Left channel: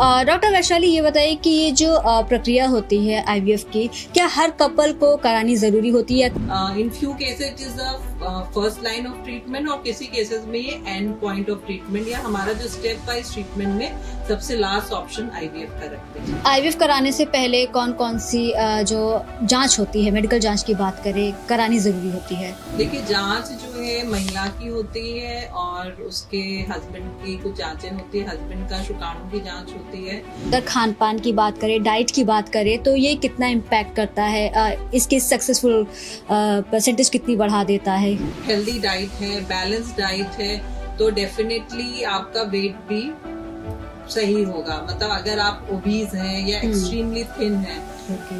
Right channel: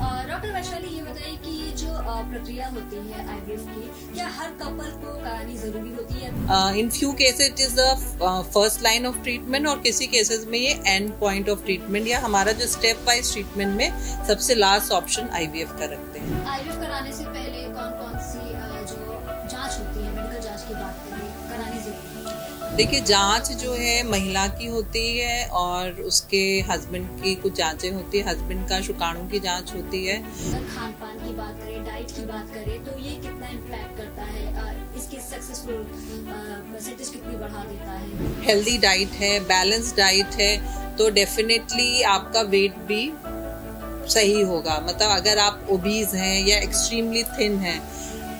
Doctor Vaishali, ये बताइए कि ये जो प्रक्रिया होती है आईवीएफ की, क्या हर कपल को करानी जरूरी होती है? In few cases it is the first line of treatment और किसी केसेस में ये एंड पॉइंट ऑफ ट्रीटमेंट या हमारा जो स्टेप वाइज ट्रीटमेंट में सबसे लास्ट ऑप्शन आईवीएफ का रखते हैं। आईवीएफ कराने से पहले कौन कौन सी जो जांच होती है, मेडिकल जांच की बात करें, करानी जरूरी होती है? देखिए, जांच जो है महिला की होती है और उसके हस्बैंड की कुछ जांचें होती है, हस्बैंड का शुक्राणु की जांच होती है। अगर खान पान की बात करें, डाइट की बात करें, तो ये कितना इम्पैक्ट करता है, इसकी सक्सेसफुल परसेंटेज कितनी बढ़ा देता है? हेल्दी डाइट है, बैलेंस डाइट है, तो डेफिनेटली आपका वेट भी सही होगा। मतलब अगर आप ओबीज हैं या एक्सट्रीमली थिन हैं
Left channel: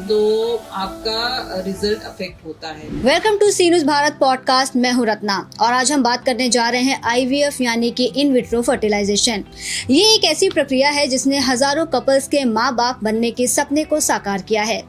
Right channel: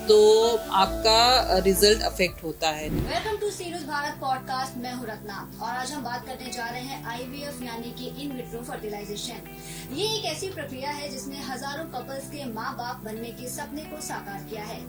तो आपका रिजल्ट अफेक्ट होता है। Welcome to C News Bharat podcast. मैं हूं रत्ना और आज हम बात करने जा रहे हैं आईवीएफ यानी कि इन विट्रो फर्टिलाइजेशन। ये एक ऐसी प्रक्रिया है जिसने हजारों कपल्स के माँ बाप बनने के सपने को साकार किया है।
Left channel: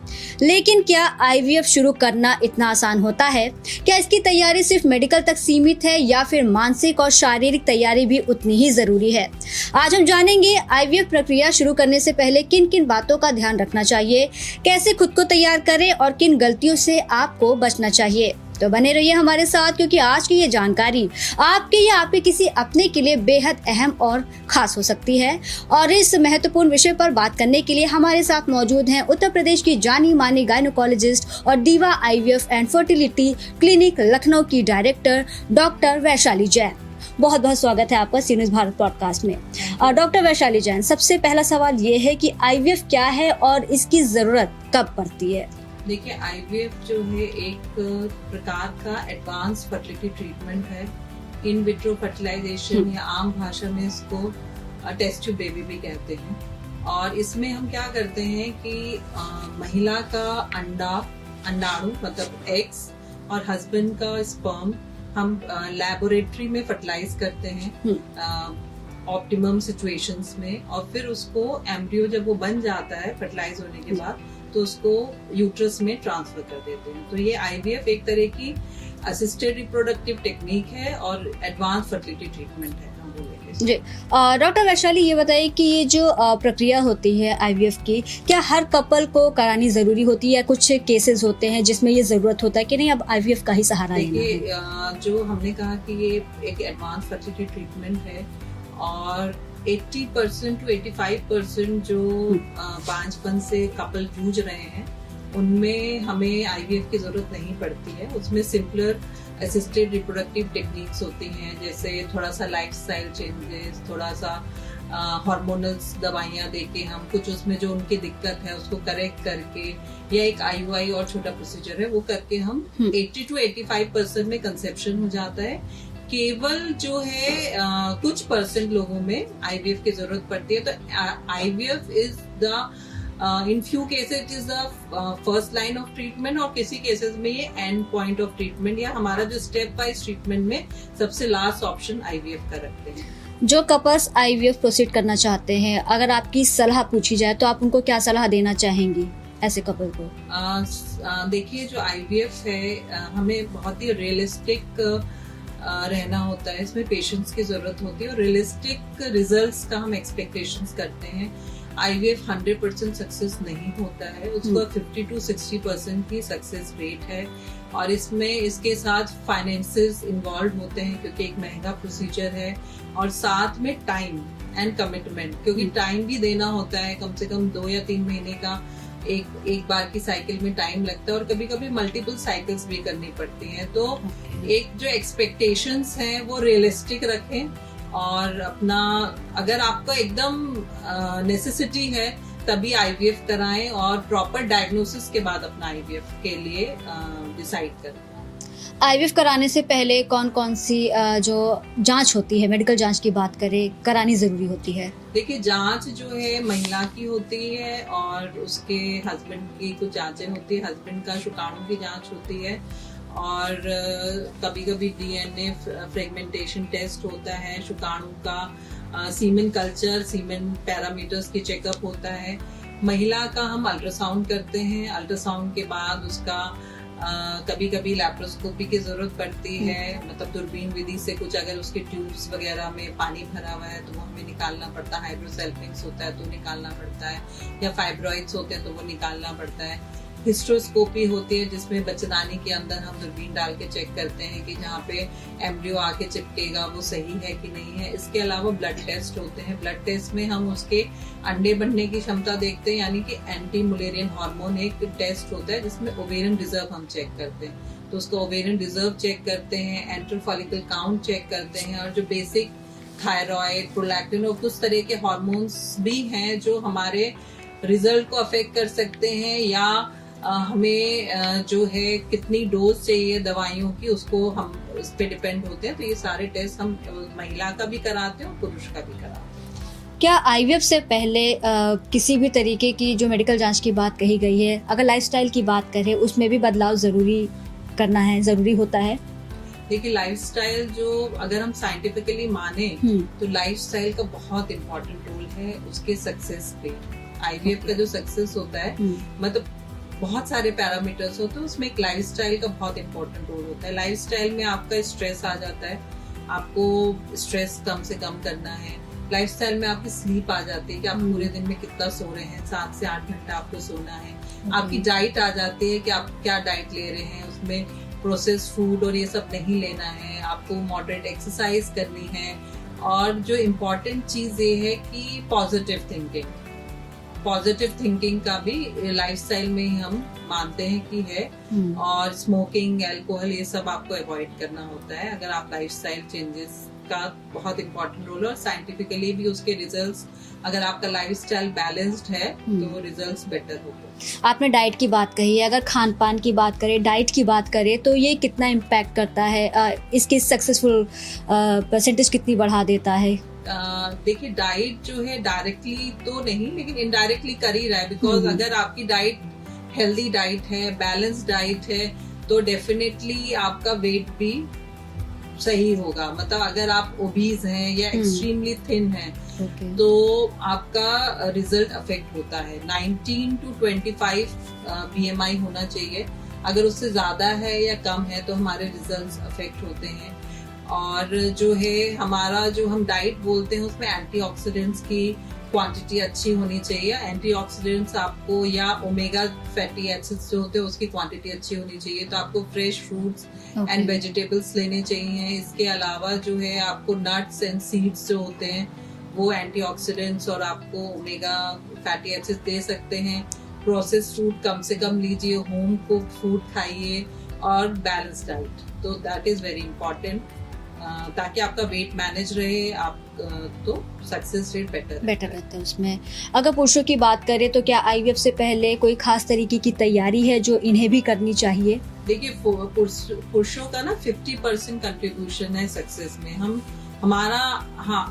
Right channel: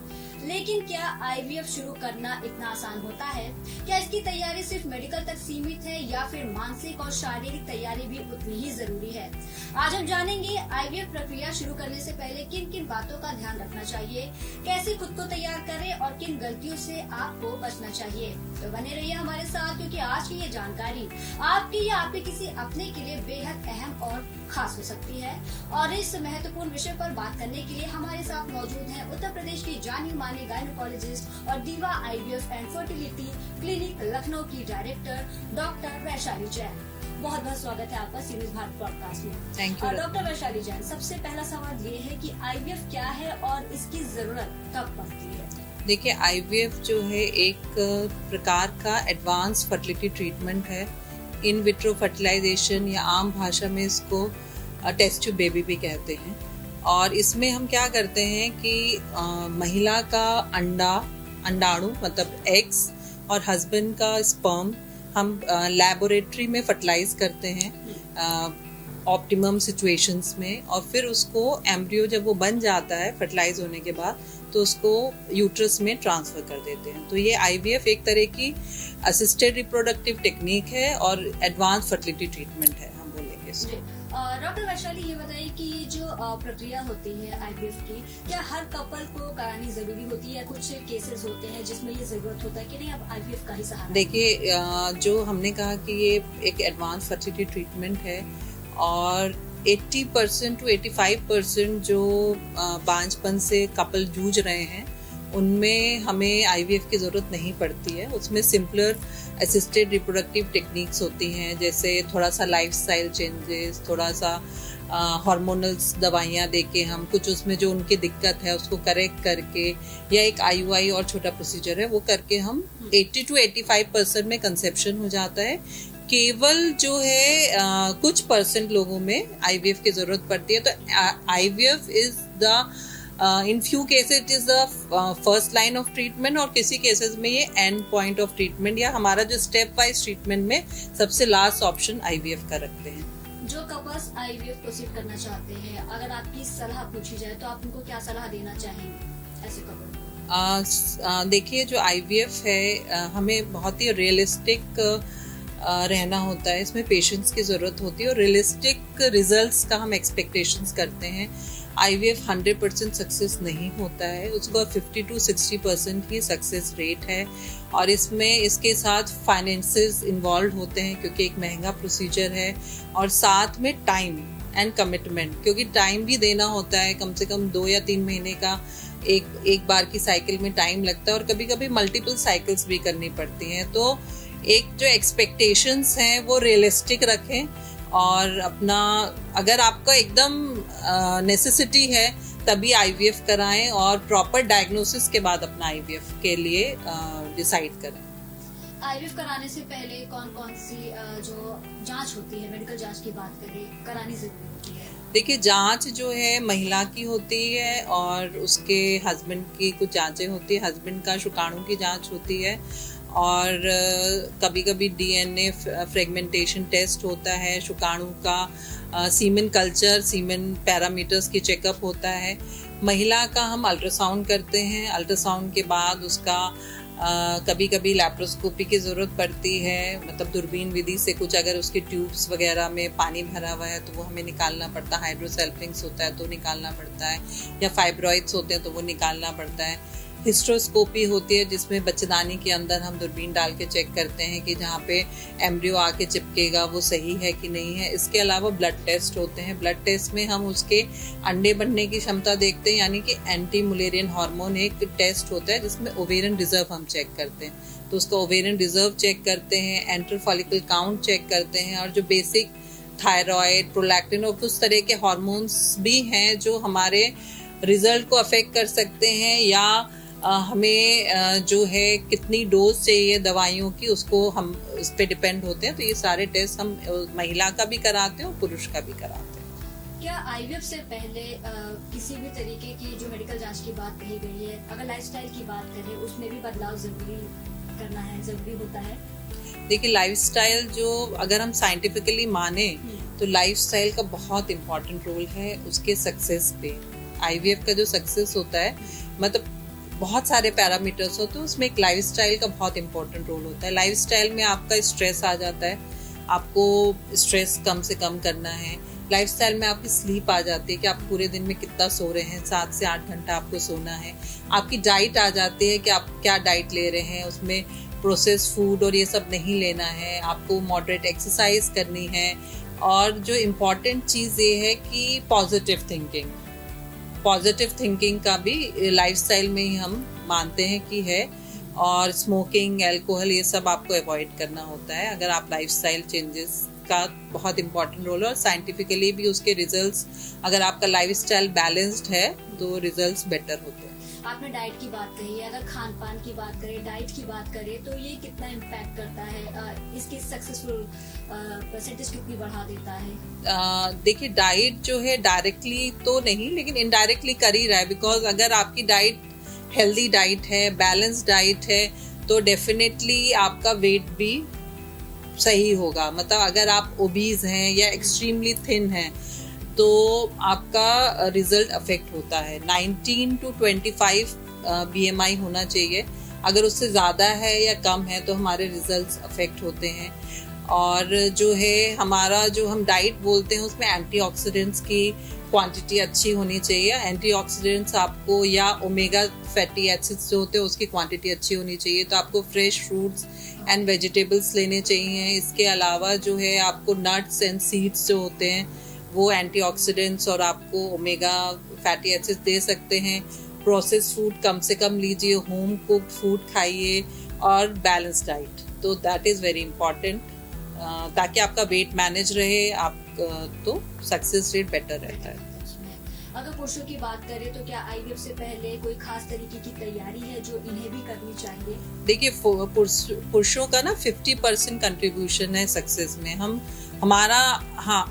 लेकिन क्या आईवीएफ शुरू करना इतना आसान होता है? क्या इसकी तैयारी सिर्फ मेडिकल तक सीमित है या फिर मानसिक और शारीरिक तैयारी भी उतनी ही जरूरी है? आज हम जानेंगे आईवीएफ प्रक्रिया शुरू करने से पहले किन किन बातों का ध्यान रखना चाहिए, कैसे खुद को तैयार करें और किन गलतियों से आपको बचना चाहिए। तो बने रहिए हमारे साथ, क्योंकि आज की ये जानकारी आपके या आपके किसी अपने के लिए बेहद अहम और खास हो सकती है। और इस महत्वपूर्ण विषय पर बात करने के लिए हमारे साथ मौजूद हैं उत्तर प्रदेश की जानी मानी गायनोकोलॉजिस्ट और दीवा IVF and fertility clinic Lucknow की डायरेक्टर डॉक्टर वैशाली जैन। बहुत बहुत स्वागत है आपका सी न्यूज़ भारत पॉडकास्ट में। डॉक्टर वैशाली जैन, सबसे पहला सवाल ये है कि आईवीएफ क्या है और इसकी जरूरत कब पड़ती है? देखिए, आईवीएफ जो है एक प्रकार का एडवांस फर्टिलिटी ट्रीटमेंट है। इन विट्रो फर्टिलाइजेशन या आम भाषा में इसको टेस्ट ट्यूब बेबी भी कहते हैं। और इसमें हम क्या करते हैं कि महिला का अंडाणु मतलब एग्स और हस्बैंड का स्पर्म हम लैबोरेटरी में फर्टिलाइज करते हैं ऑप्टिमम सिचुएशंस में, और फिर उसको एम्ब्रियो जब वो बन जाता है फर्टिलाइज होने के बाद तो उसको यूट्रस में ट्रांसफर कर देते हैं। तो ये आईवीएफ एक तरह की असिस्टेड रिप्रोडक्टिव टेक्निक है और एडवांस फर्टिलिटी ट्रीटमेंट है। जी डॉक्टर वैशाली, ये बताइए कि ये जो प्रक्रिया होती है आईवीएफ की, क्या हर कपल को करानी जरूरी होती है या कुछ केसेस होते हैं जिसमें ये जरूरत होता है कि नहीं अब आईवीएफ का ही सहारा? देखिए, जो हमने कहा कि ये एक एडवांस फर्टिलिटी ट्रीटमेंट है और 80% to 85% जो बांझपन से कपल जूझ रहे हैं उनमें हमें आईवीएफ की जरूरत नहीं पड़ती है। उसमें सिंपलर असिस्टेड रिप्रोडक्टिव टेक्निक्स होती हैं, जैसे थोड़ा सा लाइफस्टाइल चेंजेस, थोड़ा सा हार्मोनल दवाइयाँ देके हम कुछ उसमें जो उनकी दिक्कत है उसको करेक्ट करके, या एक आईयूआई और छोटा प्रोसीजर है वो करके हम 80 to 85% में कंसेप्शन हो जाता है। केवल जो है कुछ परसेंट लोगों में आईवीएफ की जरूरत पड़ती है। तो IVF is the in few cases it is the first line of treatment और किसी केसेस में ये एंड पॉइंट ऑफ ट्रीटमेंट या हमारा जो स्टेप वाइज ट्रीटमेंट में सबसे लास्ट ऑप्शन आईवीएफ का रखते हैं। जो कपल्स आईवीएफ प्रोसीड करना चाहते हैं, अगर आपकी सलाह पूछी जाए तो आप उनको क्या सलाह देना चाहेंगी ऐसे कपल को? देखिए, जो आईवीएफ है हमें बहुत ही रियलिस्टिक रहना होता है। इसमें पेशेंस की जरूरत होती है और रियलिस्टिक रिजल्ट्स का हम एक्सपेक्टेशंस करते हैं। आईवीएफ 100% सक्सेस नहीं होता है, उसको 50 to 60% की सक्सेस रेट है। और इसमें इसके साथ फाइनेंसेस इन्वॉल्व होते हैं क्योंकि एक महंगा प्रोसीजर है, और साथ में टाइम एंड कमिटमेंट, क्योंकि टाइम भी देना होता है। कम से कम 2 या 3 महीने का एक बार की साइकिल में टाइम लगता है और कभी कभी मल्टीपल साइकिल्स भी करनी पड़ती हैं। तो एक जो एक्सपेक्टेशंस हैं वो रियलिस्टिक रखें और अपना, अगर आपका एकदम नेसेसिटी है तभी आईवीएफ कराएं और प्रॉपर डायग्नोसिस के बाद अपना आईवीएफ के लिए डिसाइड करें। आईवीएफ कराने से पहले कौन कौन सी जो जांच होती है, मेडिकल जांच की बात करें, करानी जरूरी होती है? देखिए, जांच जो है महिला की होती है और उसके हस्बैंड की कुछ जांचें होती है। हस्बैंड का शुक्राणु की जांच होती है और कभी कभी डीएनए फ्रेगमेंटेशन टेस्ट होता है, शुक्राणु का सीमेन कल्चर, सीमेन पैरामीटर्स की चेकअप होता है। महिला का हम अल्ट्रासाउंड करते हैं, अल्ट्रासाउंड के बाद उसका कभी कभी लैप्रोस्कोपी की ज़रूरत पड़ती है, मतलब दूरबीन विधि से कुछ अगर उसके ट्यूब्स वगैरह में पानी भरा हुआ है तो वो हमें निकालना पड़ता है, हाइड्रोसेल्फिंग्स होता है तो निकालना पड़ता है, या फाइब्रॉइड्स होते हैं तो वो निकालना पड़ता है। हिस्ट्रोस्कोपी होती है जिसमें बच्चेदानी के अंदर हम दूरबीन डाल के चेक करते हैं कि जहाँ पे एम्ब्रियो आके चिपकेगा वो सही है कि नहीं है। इसके अलावा ब्लड टेस्ट होते हैं, ब्लड टेस्ट में हम उसके अंडे बनने की क्षमता देखते हैं, यानी कि एंटी मुलेरियन हार्मोन एक टेस्ट होता है जिसमें ओवेरियन रिजर्व हम चेक करते हैं, तो उसका ओवेरियन रिजर्व चेक करते हैं, एंटर फॉलिकल काउंट चेक करते हैं, और जो बेसिक थायराइड, प्रोलैक्टिन और कुछ तरह के हार्मोन्स भी हैं जो हमारे रिजल्ट को अफेक्ट कर सकते हैं, या हमें जो है कितनी डोज चाहिए दवाइयों की उसको हम उस पर डिपेंड होते हैं। तो ये सारे टेस्ट हम महिला का भी कराते हैं और पुरुष का भी कराते हैं। क्या आईवीएफ से पहले किसी भी तरीके की जो मेडिकल जांच की बात कही गई है, अगर लाइफस्टाइल की बात करें उसमें भी बदलाव ज़रूरी होता है? देखिए, लाइफस्टाइल जो अगर हम साइंटिफिकली माने तो लाइफस्टाइल का बहुत इम्पोर्टेंट रोल है उसके सक्सेस पे। आईवीएफ का जो सक्सेस होता है, मतलब बहुत सारे पैरामीटर्स होते हैं, उसमें एक लाइफस्टाइल का बहुत इंपॉर्टेंट रोल होता है। लाइफस्टाइल में आपका स्ट्रेस आ जाता है, आपको स्ट्रेस कम से कम करना है। लाइफस्टाइल में आपकी स्लीप आ जाती है कि आप पूरे दिन में कितना सो रहे हैं, 7 से 8 घंटा आपको सोना है। आपकी डाइट आ जाती है कि आप क्या डाइट ले रहे हैं, उसमें प्रोसेस फूड और ये सब नहीं लेना है, आपको मॉडरेट एक्सरसाइज करनी है। और जो इम्पोर्टेंट चीज़ ये है कि पॉजिटिव थिंकिंग का भी लाइफस्टाइल में ही हम मानते हैं कि है। और स्मोकिंग, अल्कोहल, ये सब आपको अवॉइड करना होता है अगर आप लाइफस्टाइल चेंजेस का बहुत इंपॉर्टेंट रोल है। और साइंटिफिकली भी उसके रिजल्ट्स, अगर आपका लाइफस्टाइल बैलेंस्ड है तो रिजल्ट्स बेटर होते हैं। आपने डाइट की बात कही है, अगर खान पान की बात करें, डाइट की बात करें, तो ये कितना इम्पैक्ट करता है, इसकी सक्सेसफुल परसेंटेज कितनी बढ़ा देता है? देखिए, डाइट जो है डायरेक्टली तो नहीं लेकिन इनडायरेक्टली कर ही रहा है, बिकॉज अगर आपकी डाइट हेल्दी डाइट है, बैलेंस डाइट है, तो डेफिनेटली आपका वेट भी सही होगा। मतलब अगर आप ओबीज हैं या एक्सट्रीमली थिन हैं तो आपका रिजल्ट अफेक्ट होता है। 19 to 25 BMI होना चाहिए, अगर उससे ज़्यादा है या कम है तो हमारे रिजल्ट्स अफेक्ट होते हैं। और जो है हमारा जो हम डाइट बोलते हैं उसमें एंटीऑक्सीडेंट्स की क्वांटिटी अच्छी होनी चाहिए। एंटीऑक्सीडेंट्स आपको, या ओमेगा फैटी एसिड्स जो होते हैं उसकी क्वांटिटी अच्छी होनी चाहिए, तो आपको फ्रेश फ्रूट्स एंड वेजिटेबल्स लेने चाहिए। इसके अलावा जो है आपको नट्स एंड सीड्स जो होते हैं वो एंटीऑक्सीडेंट्स और आपको ओमेगा फैटी एसिड्स दे सकते हैं। प्रोसेस्ड फूड कम से कम लीजिए, होम कुक्ड फूड खाइए और बैलेंस डाइट, तो दैट इज़ वेरी इंपॉर्टेंट, ताकि आपका वेट मैनेज रहे, आप तो सक्सेस रेट बेटर रहता है उसमें। अगर पुरुषों की बात करें तो क्या आईवीएफ से पहले कोई खास तरीके की तैयारी है जो इन्हें भी करनी चाहिए? देखिए, पुरुषों का ना 50% कंट्रीब्यूशन है सक्सेस में। हमारा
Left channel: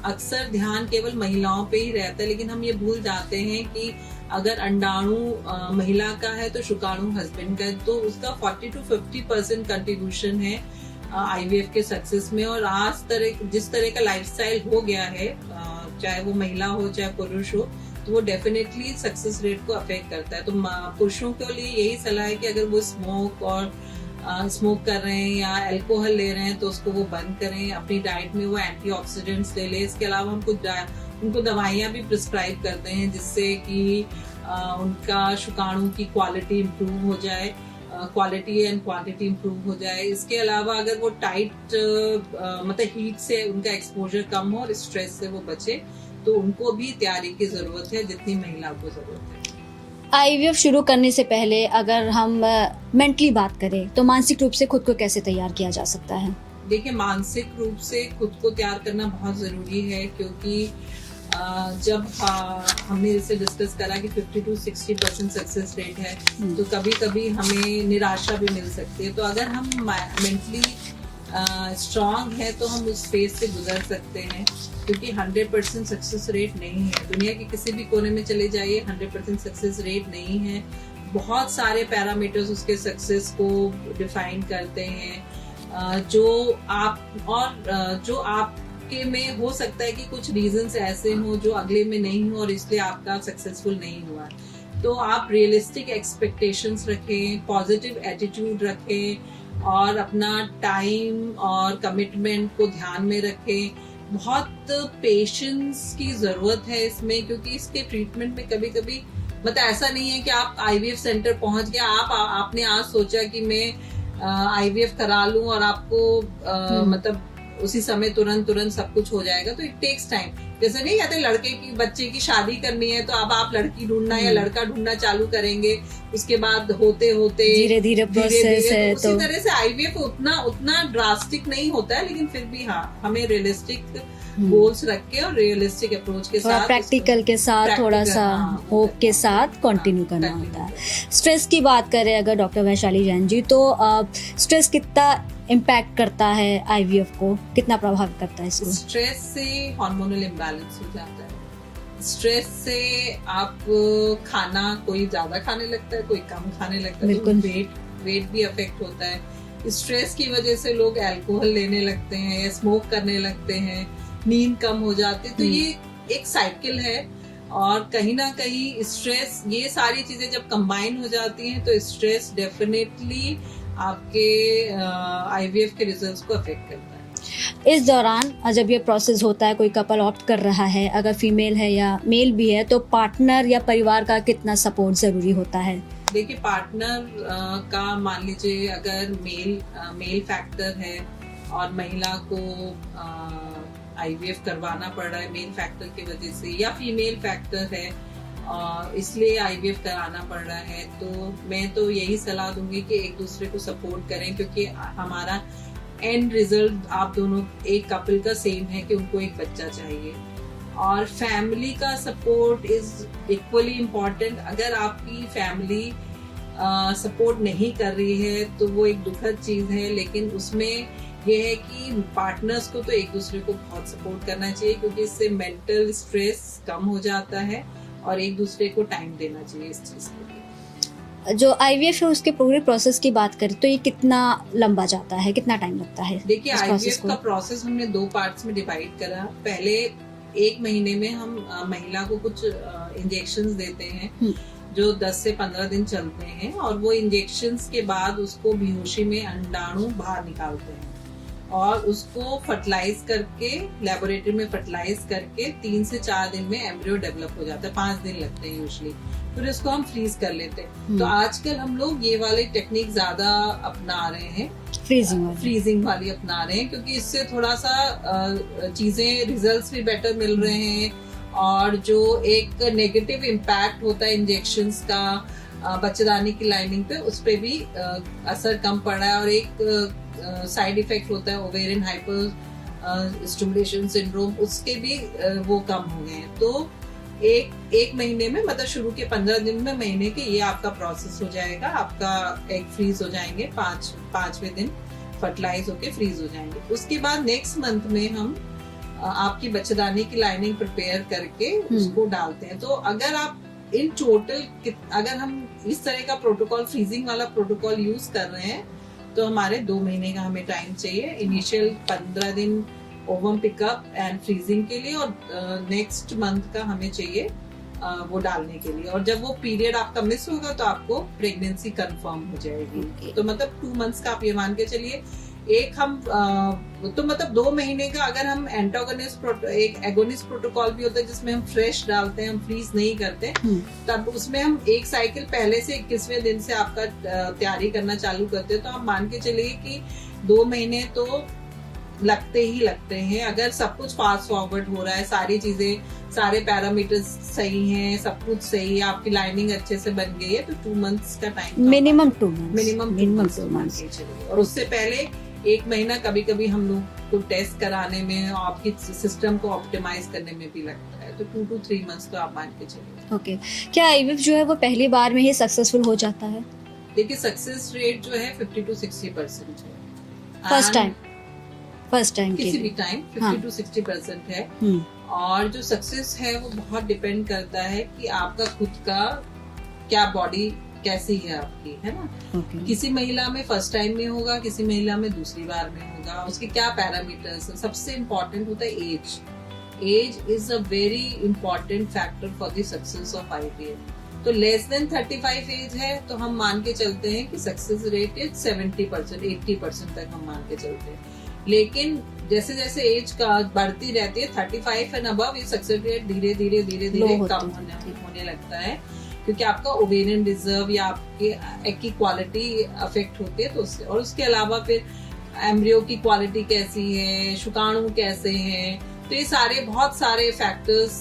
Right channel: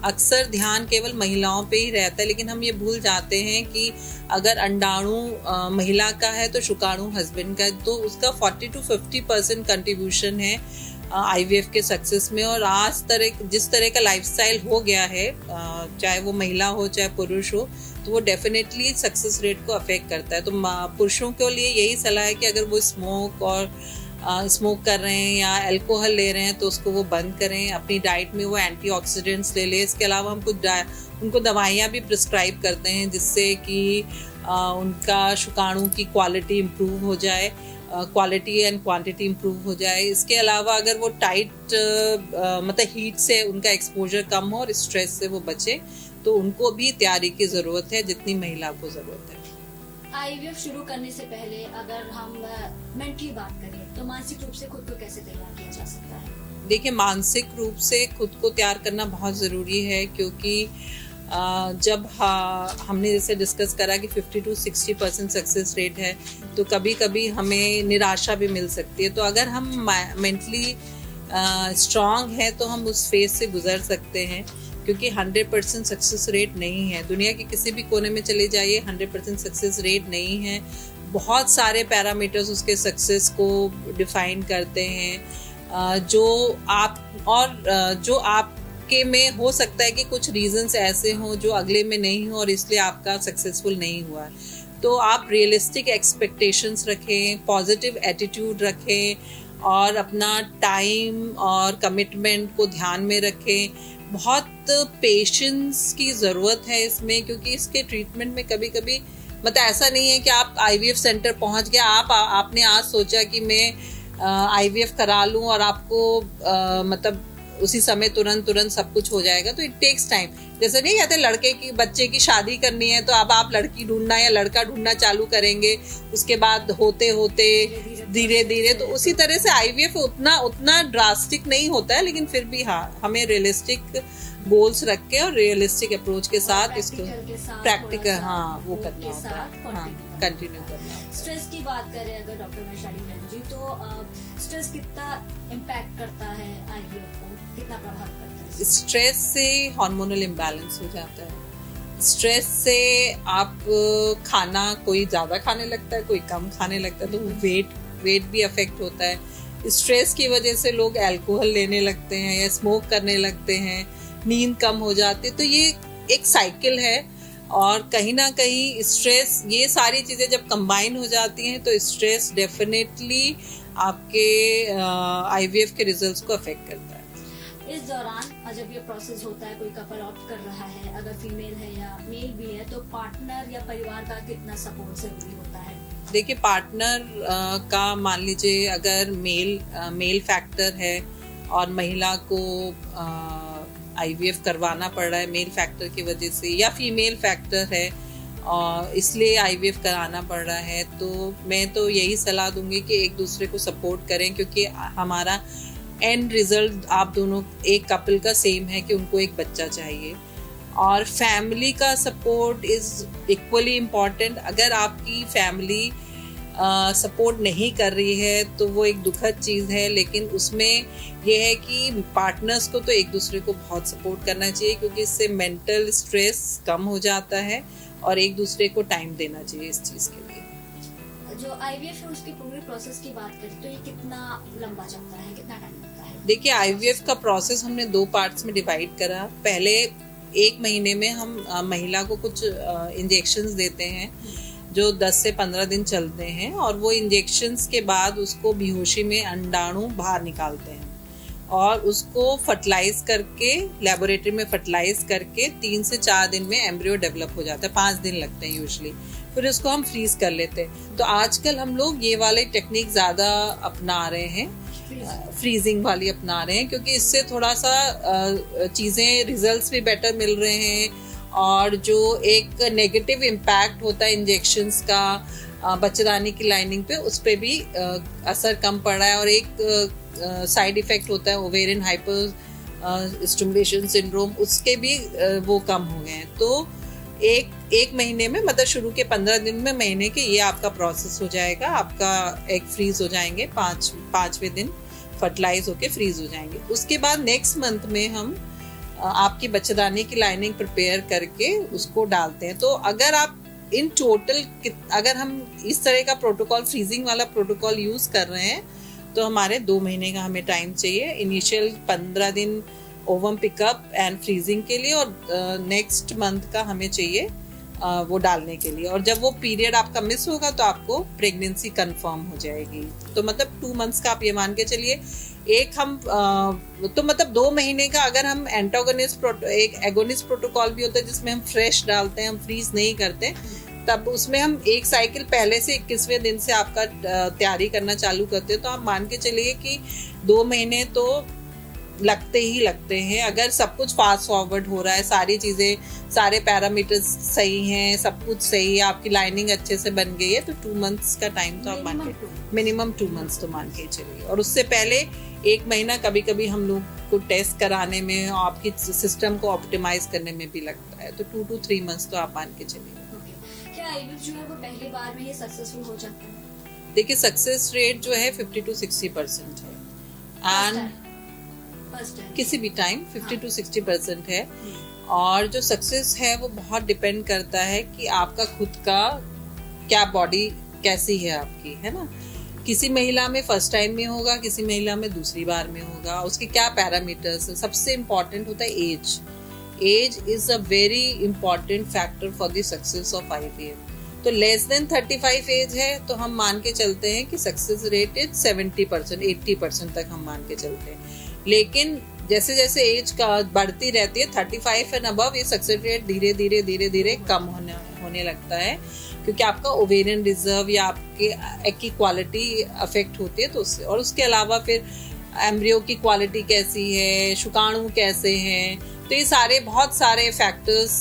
अक्सर ध्यान केवल महिलाओं पे ही रहता है, लेकिन हम ये भूल जाते हैं कि अगर अंडाणु महिला का है तो शुक्राणु हस्बैंड का है, तो उसका 40 to 50% कंट्रीब्यूशन है आईवीएफ के सक्सेस में। और जिस तरह का लाइफस्टाइल हो गया है, चाहे वो महिला हो चाहे पुरुष हो, तो वो डेफिनेटली सक्सेस रेट को अफेक्ट करता है। तो पुरुषों के लिए यही सलाह है कि अगर वो स्मोक कर रहे हैं या अल्कोहल ले रहे हैं तो उसको वो बंद करें। अपनी डाइट में वो एंटीऑक्सीडेंट्स ले ले। इसके अलावा हम उनको दवाइयाँ भी प्रिस्क्राइब करते हैं जिससे कि उनका शुक्राणु की क्वालिटी इम्प्रूव हो जाए, क्वालिटी एंड क्वांटिटी इम्प्रूव हो जाए। इसके अलावा अगर वो टाइट मतलब हीट से उनका एक्सपोजर कम हो और स्ट्रेस से वो बचे, तो उनको भी तैयारी की ज़रूरत है जितनी महिला को ज़रूरत है। आईवीएफ शुरू करने से पहले अगर हम मेंटली बात करें तो मानसिक रूप से खुद को कैसे तैयार किया जा सकता है? देखिए, मानसिक रूप से खुद को तैयार करना बहुत ज़रूरी है, क्योंकि जब हमने जैसे डिस्कस करा कि 50 to 60% सक्सेस रेट है, तो कभी कभी हमें निराशा भी मिल सकती है। तो अगर हम मेंटली स्ट्रांग है तो हम उस फेज से गुजर सकते हैं, क्योंकि 100% सक्सेस रेट नहीं है। दुनिया के किसी भी कोने में चले जाइए, 100% सक्सेस रेट नहीं है। बहुत सारे पैरामीटर्स उसके सक्सेस को डिफाइन करते हैं, जो आपके में हो सकता है कि कुछ रीजंस ऐसे हों जो अगले में नहीं हो और इसलिए आपका सक्सेसफुल नहीं हुआ है। तो आप रियलिस्टिक एक्सपेक्टेशंस रखें, पॉजिटिव एटीट्यूड रखें और अपना टाइम और कमिटमेंट को ध्यान में रखें। बहुत पेशेंस की ज़रूरत है इसमें, क्योंकि इसके ट्रीटमेंट में कभी कभी मतलब ऐसा नहीं है कि आप आईवीएफ सेंटर पहुंच गए, आपने आज सोचा कि मैं आईवीएफ करा लूं और आपको मतलब उसी समय तुरंत सब कुछ हो जाएगा। तो इट टेक्स टाइम। जैसे नहीं कहते लड़के की बच्चे की शादी करनी है तो अब आप लड़की ढूंढना या लड़का ढूंढना चालू करेंगे, उसके बाद होते होते धीरे धीरे तो उसी तरह से आईवीएफ उतना ड्रास्टिक नहीं होता है, लेकिन फिर भी हाँ, हमें रियलिस्टिक गोल्स रख के और रियलिस्टिक अप्रोच के साथ, प्रैक्टिकल के साथ, थोड़ा सा होप के साथ कंटिन्यू करना होता है। स्ट्रेस की बात करें अगर डॉक्टर वैशाली जैन जी, तो स्ट्रेस कितना इम्पैक्ट करता है आईवीएफ को, कितना प्रभावित करता है इसको? स्ट्रेस से हार्मोनल इम्बैलेंस हो जाता है। स्ट्रेस से आप खाना कोई ज्यादा खाने लगता है, कोई कम खाने लगता है, तो वेट भी अफेक्ट होता है। स्ट्रेस की वजह से लोग अल्कोहल लेने लगते हैं या स्मोक करने लगते हैं, नींद कम हो जाती है। तो ये एक साइकिल है, और कहीं ना कहीं स्ट्रेस, ये सारी चीजें जब कंबाइन हो जाती हैं तो स्ट्रेस डेफिनेटली आपके आईवीएफ के रिजल्ट्स को अफेक्ट करता है। इस दौरान जब ये प्रोसेस होता है, कोई कपल ऑप्ट कर रहा है, अगर फीमेल है या मेल भी है, तो पार्टनर या परिवार का कितना सपोर्ट जरूरी होता है? देखिए, पार्टनर का मान लीजिए अगर मेल फैक्टर है और महिला को आईवीएफ करवाना पड़ रहा है मेल फैक्टर की वजह से, या फीमेल फैक्टर है इसलिए आईवीएफ कराना पड़ रहा है, तो मैं तो यही सलाह दूंगी कि एक दूसरे को सपोर्ट करें, क्योंकि हमारा एंड रिजल्ट आप दोनों एक कपल का सेम है कि उनको एक बच्चा चाहिए। और फैमिली का सपोर्ट इज इक्वली इम्पॉर्टेंट। अगर आपकी फैमिली सपोर्ट नहीं कर रही है तो वो एक दुखद चीज़ है, लेकिन उसमें ये है कि पार्टनर्स को तो एक दूसरे को बहुत सपोर्ट करना चाहिए, क्योंकि इससे मेंटल स्ट्रेस कम हो जाता है और एक दूसरे को टाइम देना चाहिए इस चीज़ के लिए। जो आईवीएफ है उसके पूरे प्रोसेस की बात करें तो ये कितना लंबा जाता है, कितना टाइम लगता है? देखिए, आईवीएफ का प्रोसेस हमने 2 पार्ट्स में डिवाइड करा। पहले 1 महीने में हम महिला को कुछ इंजेक्शंस देते हैं जो 10 से 15 दिन चलते हैं, और वो इंजेक्शंस के बाद उसको बेहोशी में अंडाणु बाहर निकालते हैं और उसको फर्टिलाइज करके, लेबोरेटरी में फर्टिलाइज करके 3 से 4 दिन में एम्ब्रियो डेवलप हो जाता है। 5 दिन लगते हैं यूजुअली। फिर इसको हम फ्रीज कर लेते हैं। तो आजकल हम लोग ये वाले टेक्निक ज्यादा अपना रहे हैं, फ्रीजिंग वाली अपना रहे हैं, क्योंकि इससे थोड़ा सा चीजें, रिजल्ट्स भी बेटर मिल रहे हैं, और जो एक नेगेटिव इम्पैक्ट होता है इंजेक्शंस का बच्चेदानी की लाइनिंग पे, उस पे भी असर कम पड़ रहा है। और एक साइड इफेक्ट होता है ओवेरियन हाइपर स्टिमुलेशन सिंड्रोम, उसके भी वो कम हो गए हैं। तो एक महीने में, मतलब शुरू के 15 दिन में, महीने के, ये आपका प्रोसेस हो जाएगा। आपका एग फ्रीज हो जाएंगे, 5वें दिन फर्टिलाइज होके फ्रीज हो जाएंगे। उसके बाद नेक्स्ट मंथ में हम आपकी बच्चेदानी की लाइनिंग प्रिपेयर करके उसको डालते हैं। तो अगर आप इन टोटल, अगर हम इस तरह का प्रोटोकॉल, फ्रीजिंग वाला प्रोटोकॉल यूज कर रहे हैं, तो हमारे 2 महीने का हमें टाइम चाहिए। इनिशियल 15 दिन ओवम पिकअप एंड फ्रीजिंग के लिए, और नेक्स्ट मंथ का हमें चाहिए वो डालने के लिए। और जब वो पीरियड आपका मिस होगा तो आपको प्रेगनेंसी कंफर्म हो जाएगी। तो मतलब 2 मंथ्स का आप ये मान के चलिए। एक हम तो मतलब 2 महीने का, अगर हम एक एगोनिस्ट प्रोटोकॉल भी होता है जिसमें हम फ्रेश डालते हैं, हम फ्रीज नहीं करते, तब उसमें हम एक साइकिल पहले से 21वें दिन से आपका तैयारी करना चालू करते हैं। तो आप मान के चलिए कि 2 महीने तो लगते ही लगते हैं। अगर सब कुछ फास्ट फॉरवर्ड हो रहा है, सारी चीजें, सारे पैरामीटर्स सही हैं, सब कुछ सही है, आपकी लाइनिंग अच्छे से बन गई है, तो 2 मंथ्स का टाइम, मिनिमम 2 मंथ्स तो मान के चलिए। और उससे पहले 1 महीना कभी कभी हम लोग को टेस्ट कराने में, आपकी सिस्टम को ऑप्टिमाइज करने में भी लगता है। तो 2 to 3 मंथ्स तो आप मान के चलिए। ओके, क्या आईवीएफ जो है वो पहली बार में ही सक्सेसफुल हो जाता है? देखिए, सक्सेस रेट जो है 50 to 60% है। फर्स्ट टाइम किसी भी टाइम 50 to 60% है। और जो सक्सेस है वो बहुत डिपेंड करता है कि आपका खुद का क्या बॉडी कैसी है आपकी, है ना। किसी महिला में फर्स्ट टाइम में होगा, किसी महिला में दूसरी बार में होगा, उसके क्या पैरामीटर्स है। सबसे इम्पोर्टेंट होता है age is a very important factor for the success of IVF. तो लेस देन 35 एज है तो हम मान के चलते हैं कि सक्सेस रेट इज 70%, 80% तक हम मान के चलते हैं। लेकिन जैसे जैसे एज का बढ़ती रहती है 35 एंड अबव, ये सक्सेस रेट धीरे धीरे धीरे धीरे कम होने लगता है, क्योंकि आपका ओवेरियन रिजर्व या आपके एग की क्वालिटी अफेक्ट होती है। तो उससे, और उसके अलावा फिर एम्ब्रियो की क्वालिटी कैसी है, शुक्राणु कैसे हैं, तो ये सारे बहुत सारे फैक्टर्स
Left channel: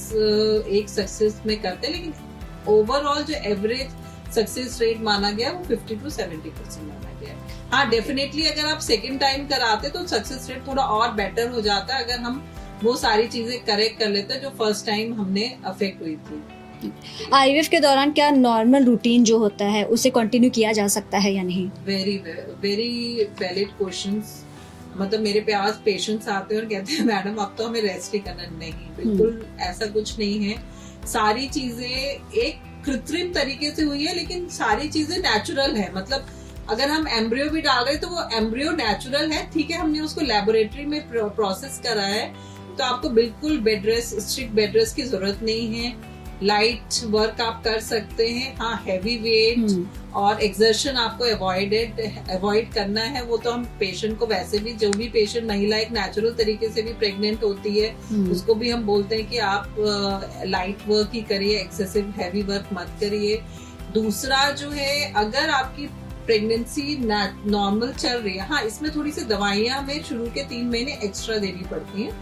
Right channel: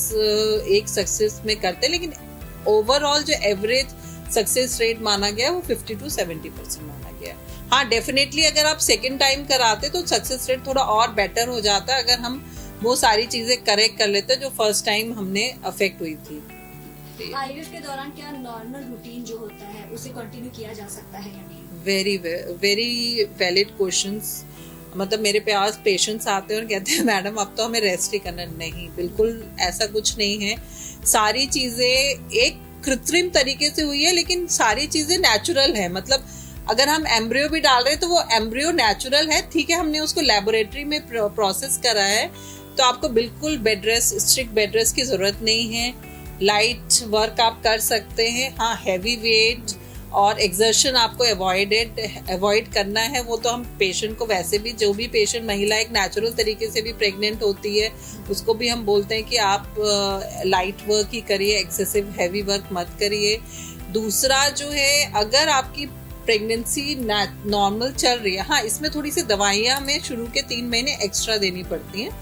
एक सक्सेस में करते हैं। लेकिन ओवरऑल जो एवरेज सक्सेस रेट माना गया है वो 50 to 70% माना गया है। हाँ, डेफिनेटली अगर आप सेकेंड टाइम कराते तो सक्सेस रेट थोड़ा और बेटर हो जाता है, अगर हम वो सारी चीजें करेक्ट कर लेते जो फर्स्ट टाइम हमने अफेक्ट हुई थी। आईवीएफ के दौरान क्या नॉर्मल रूटीन जो होता है उसे कंटिन्यू किया जा सकता है या नहीं? Very very valid questions. मतलब मेरे पास पेशेंट्स आते हैं और कहते हैं मैडम अब तो हमें रेस्ट ही करना। नहीं, बिल्कुल ऐसा कुछ नहीं है। सारी चीजें एक कृत्रिम तरीके से हुई है, लेकिन सारी चीजें नेचुरल है। मतलब अगर हम एम्ब्रियो भी डाल रहे हैं तो वो एम्ब्रियो नेचुरल है, ठीक है, हमने उसको लेबोरेटरी में प्रोसेस करा है, तो आपको बिल्कुल bed rest, strict bed rest की जरूरत नहीं है। लाइट वर्क आप कर सकते हैं। हाँ, हैवी वेट और एक्सर्शन आपको अवॉइड करना है। वो तो हम पेशेंट को, वैसे भी जो भी पेशेंट महिला एक नेचुरल तरीके से भी प्रेग्नेंट होती है उसको भी हम बोलते हैं कि आप लाइट वर्क ही करिए, एक्सेसिव हैवी वर्क मत करिए। दूसरा जो है, अगर आपकी प्रेगनेंसी नॉर्मल चल रही है, हाँ, इसमें थोड़ी सी दवाइयां हमें शुरू के 3 महीने एक्स्ट्रा देनी पड़ती हैं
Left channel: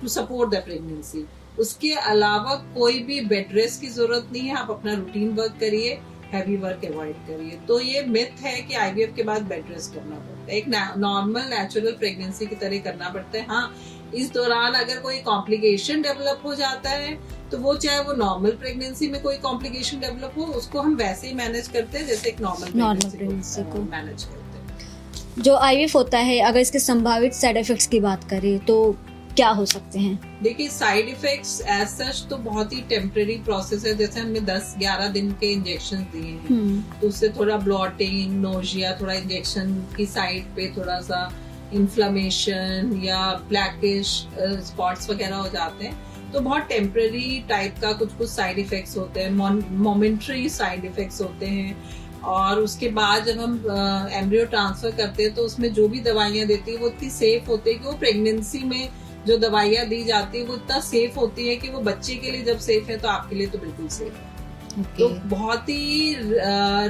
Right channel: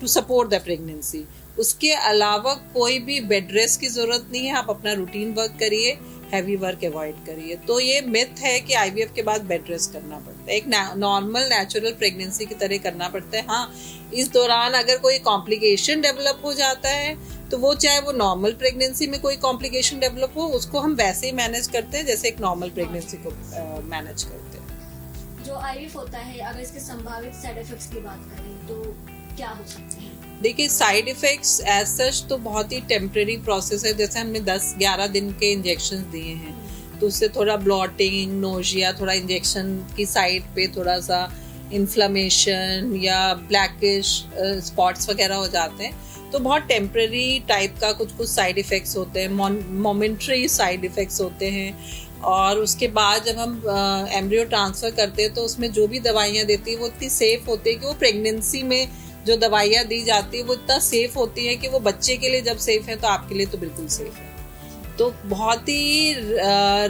टू सपोर्ट द प्रेगनेंसी। उसके अलावा कोई भी बेड रेस्ट की जरूरत नहीं है। आप अपना रूटीन वर्क करिए, हैवी वर्क अवॉइड करिए। तो ये मिथ है कि आईवीएफ के बाद बेड रेस्ट करना पड़ता है। एक नॉर्मल नेचुरल प्रेगनेंसी की तरह करना पड़ता है। हाँ, इस दौरान अगर कोई कॉम्प्लिकेशन डेवलप हो जाता है तो वो, चाहे वो नॉर्मल प्रेगनेंसी में कोई कॉम्प्लिकेशन डेवलप हो, उसको हम वैसे ही मैनेज करते हैं जैसे एक नॉर्मल प्रेगनेंसी को मैनेज करते हैं। जो आईवीएफ होता है, अगर इसके संभावित साइड इफेक्ट्स की बात करें तो क्या हो सकते हैं? देखिए, साइड इफेक्ट्स एज सच तो बहुत ही टेम्परेरी प्रोसेस है। जैसे हमने 10-11 दिन के इंजेक्शन दिए हैं तो उससे थोड़ा ब्लॉटिंग, नोजिया, थोड़ा इंजेक्शन की साइड पे थोड़ा सा इन्फ्लेमेशन या ब्लैकिश स्पॉट्स वगैरह हो जाते हैं। तो बहुत टेम्परेरी टाइप का कुछ साइड इफेक्ट्स होते हैं, मोमेंट्री साइड इफेक्ट्स होते हैं। और उसके बाद जब हम एम्ब्रियो ट्रांसफर करते हैं तो उसमें जो भी दवाइयाँ देती है वो इतनी सेफ होती है कि वो प्रेगनेंसी में जो दवाइयाँ दी जाती है वो इतना सेफ होती है कि वो बच्चे के लिए जब सेफ है तो आपके लिए तो बिल्कुल सेफ है। तो बहुत ही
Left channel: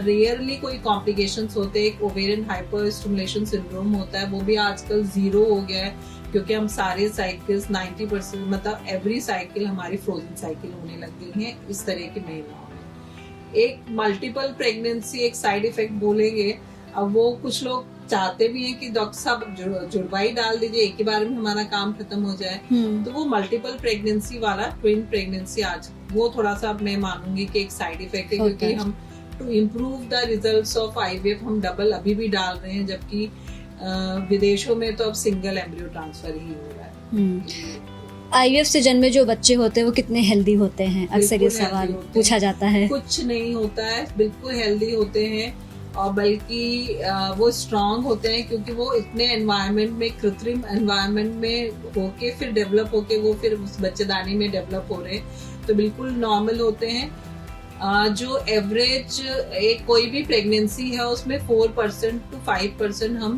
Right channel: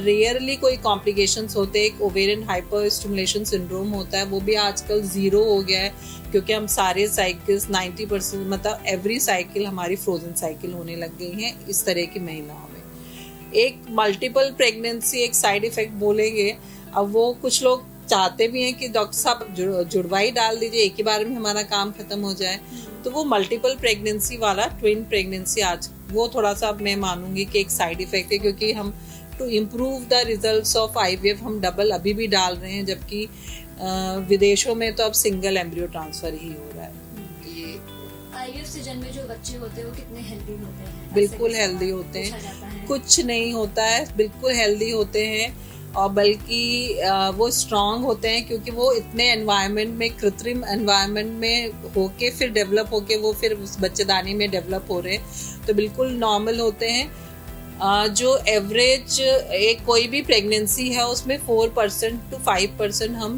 रेयरली कोई कॉम्प्लिकेशंस होते हैं। एक ओवेरियन हाइपर स्टिमुलेशन सिंड्रोम होता है, वो भी आजकल 0 हो गया है, क्योंकि हम सारे साइकिल्स 90%, मतलब एवरी साइकिल हमारी फ्रोजन साइकिल होने लग गई है इस तरह की महिलाओं में। एक मल्टीपल प्रेगनेंसी एक साइड इफेक्ट बोलेंगे। अब वो कुछ लोग चाहते भी हैं कि डॉक्टर साहब जुड़वाई डाल दीजिए, एक ही बार में हमारा काम खत्म हो जाए। तो वो मल्टीपल प्रेगनेंसी वाला, ट्विन प्रेगनेंसी, आज वो थोड़ा सा मैं मानूंगी कि एक साइड इफेक्ट है, क्योंकि हम to improve the results of IVF हम डबल अभी भी डाल रहे हैं, जबकि विदेशों में तो अब सिंगल एम्ब्रियो ट्रांसफर ही हो रहा है। आईवीएफ से जन्मे जो बच्चे होते हैं वो कितने हेल्दी होते हैं? अक्सर ये सवाल पूछा जाता है। कुछ नहीं होता है, बिल्कुल हेल्दी होते हैं, और बल्कि वो स्ट्रांग होते हैं, क्योंकि वो इतने एनवायरनमेंट में, कृत्रिम एनवायरनमेंट में होके फिर डेवलप होके वो फिर उस बच्चेदानी में डेवलप हो रहे हैं, तो बिल्कुल नॉर्मल होते हैं। जो एवरेज एक कोई भी प्रेगनेंसी है उसमें 4% to 5% हम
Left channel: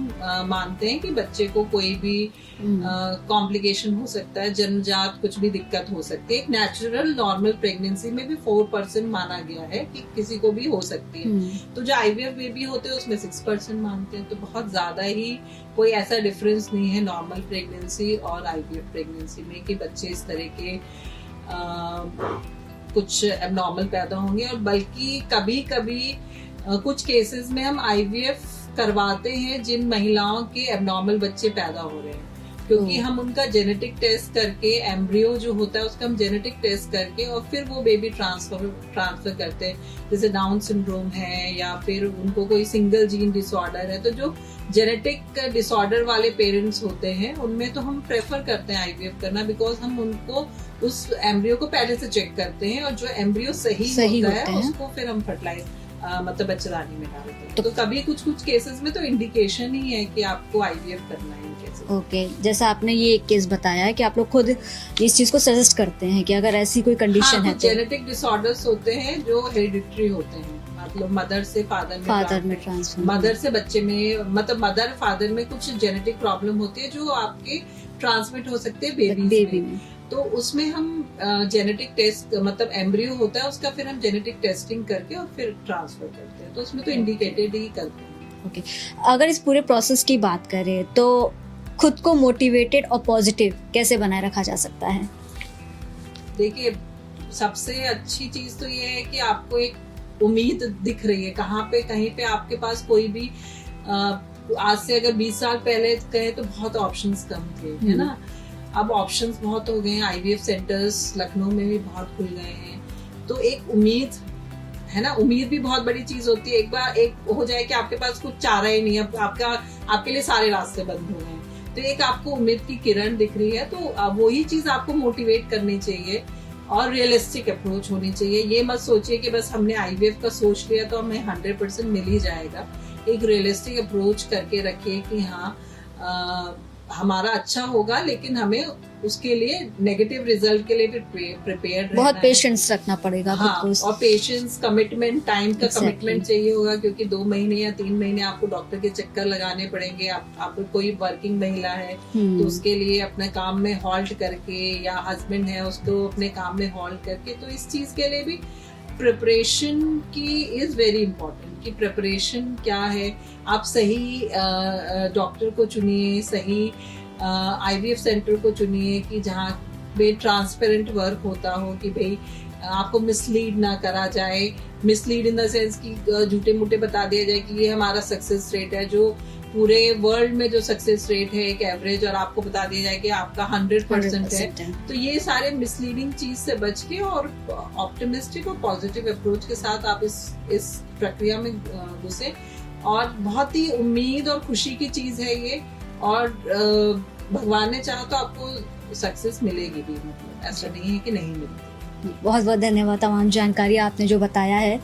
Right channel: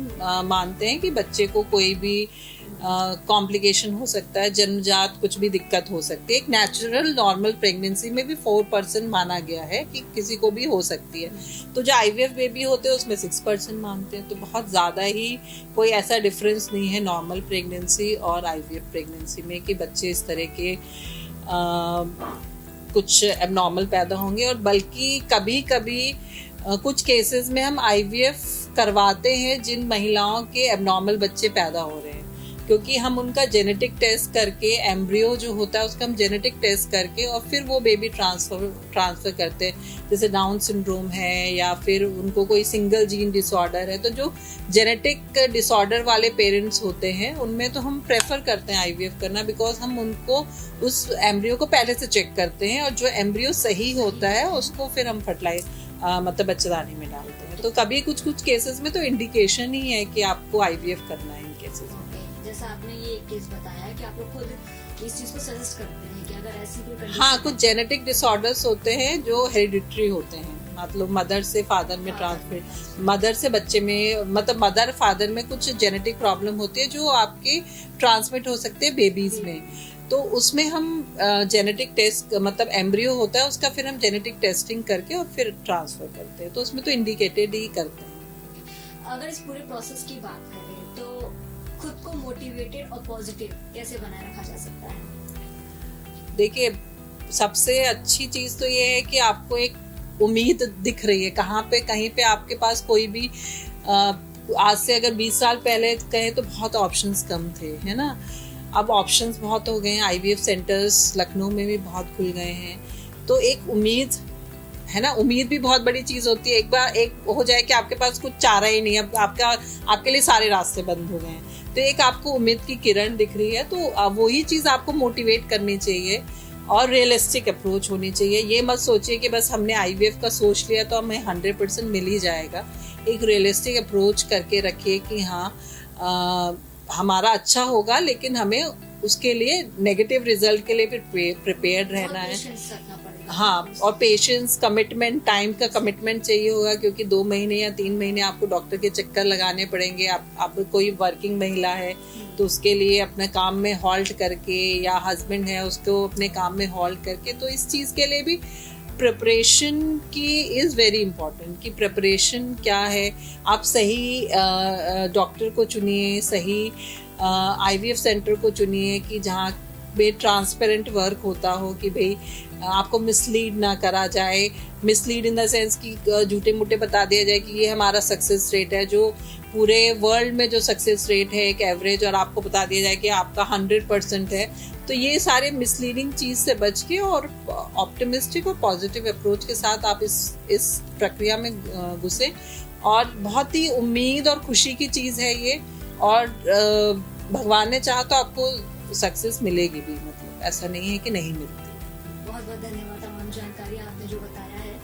मानते हैं कि बच्चे को कोई भी कॉम्प्लिकेशन हो सकता है, जन्मजात कुछ भी दिक्कत हो सकती है। एक नेचुरल नॉर्मल प्रेगनेंसी में भी 4% माना गया है कि किसी को भी हो सकती है। तो जो आईवीएफ बेबी होते हैं उसमें 6% मानते हैं। तो बहुत ज्यादा ही कोई ऐसा डिफरेंस नहीं है नॉर्मल प्रेगनेंसी और आईवीएफ प्रेगनेंसी में कि बच्चे इस तरह के कुछ एबनॉर्मल पैदा होंगे। और बल्कि कभी कभी कुछ केसेस में हम आईवीएफ करवाते हैं जिन महिलाओं के एबनॉर्मल बच्चे पैदा हो रहे हैं, क्योंकि हम उनका जेनेटिक टेस्ट करके, एम्ब्रियो जो होता है उसका हम जेनेटिक टेस्ट करके और फिर वो बेबी ट्रांसफर करते हैं। जैसे डाउन सिंड्रोम है या फिर उनको कोई सिंगल जीन डिसऑर्डर है, तो जो जेनेटिक डिसऑर्डर वाले पेरेंट्स होते हैं उनमें तो हम प्रेफर करते हैं आईवीएफ करना, बिकॉज हम उनको उस एम्ब्रियो को पहले से चेक करते हैं और जो एम्ब्रियो सही होता है उसको फिर हम फर्टिलाइज मतलब बच्चेदानी में डालते हैं। तो कभी कुछ केसेस में तो इंडिकेशन ही है कि आपको आईवीएफ करना है। केसेस। ओके, जैसा आपने ये एक केस बताया है कि आप लोग खुद इस चीज को सजेस्ट करते हैं कि अगर ऐसी कोई कंडीशन है तो जेनेटिक डिसऑर्डर्स होते हैं जो हेरिडिटरी होते हैं, मतलब मदर से फादर में ट्रांसमिट, मदर से बच्चे में, मतलब मदर फादर में कुछ जेनेटिक प्रॉब्लम होती है जो आपके ट्रांसमिट हो सकते हैं बेबीज में। तो उसमें हम जेनेटिक टेस्ट, मतलब एम्ब्रियो होता है उसका, फिर हम जेनेटिक टेस्टिंग करके और फिर ट्रांसफर करते हैं, तो उसमें तो इंडिकेटेड ही करते हैं। ओके, अगर इस पूरे प्रोसेस की बात करें तो खुद को मोटिवेटेड और पॉजिटिव कैसे बनाए रखा जा सकता है? देखिए, सबसे अच्छी चीज तो ये है कि आपको एक उम्मीद दिख रही है, कहाँ पे कहीं पे आपके पास कोई भी आज से अगर 20 साल पहले कहें तो बहुत ऑप्शंस कम थे, है ना। अब ऑप्शंस बहुत हो गए हैं, IVF सेंटर्स लखनऊ में भी बहुत खुल गए हैं, तो एक उम्मीद है ना, उम्मीद भी बहुत बड़ी चीज होती है। एक बार एक हो जाए कि आपके पास कुछ चारा ही नहीं है, आपके लिए सारे रास्ते बंद हो गए हैं, तो एक आपको उम्मीद की किरण दिख रही है, तो वही चीज आपको मोटिवेट करनी चाहिए और रियलिस्टिक अप्रोच होनी चाहिए। ये मत सोचिए कि बस हमने IVF का सोच लिया तो हमें 100% मिल ही जाएगा। एक रियलिस्टिक अप्रोच करके रखिए कि हाँ हमारा अच्छा होगा, लेकिन हमें उसके लिए नेगेटिव रिजल्ट के लिए भी प्रिपेयर्ड रहना है। बहुत पेशेंस रखना पड़ेगा। हाँ, और पेशेंस, कमिटमेंट, टाइम का कमिटमेंट चाहिए होगा, क्योंकि 2 महीने या 3 महीने आपको डॉक्टर के चक्कर लगाने पड़ेंगे। आप कोई वर्किंग महिला है तो उसके लिए अपने काम में हॉल्ट करके, या हस्बैंड है उसको अपने काम में हॉल्ट करके, तो इस चीज के लिए भी प्रिपरेशन की इज वेरी इंपॉर्टेंट। कि प्रिपरेशन क्या है, आप सही डॉक्टर को चुनिए, सही IVF सेंटर को चुनिए कि जहाँ पे ट्रांसपेरेंट वर्क होता हो, कि भाई आपको मिसलीड ना करा जाए। मिसलीड इन द सेंस कि झूठे मूठे बता दिया जाए कि ये हमारा सक्सेस रेट है, जो पूरे वर्ल्ड में जो सक्सेस रेट है एक एवरेज, और आपको बता दिया जाए कि आपका 100% है। तो ये सारे मिसलीडिंग चीज से बच के और ऑप्टिमिस्टिक और पॉजिटिव अप्रोच के साथ आप इस प्रक्रिया में घुसे, और बहुत ही उम्मीद और खुशी की चीज है ये, और भगवान ने चाहा तो आपको सक्सेस मिलेगी भी, मतलब ऐसा नहीं है कि नहीं मिलती। बहुत बहुत धन्यवाद, तमाम जानकारी आपने जो बताया है।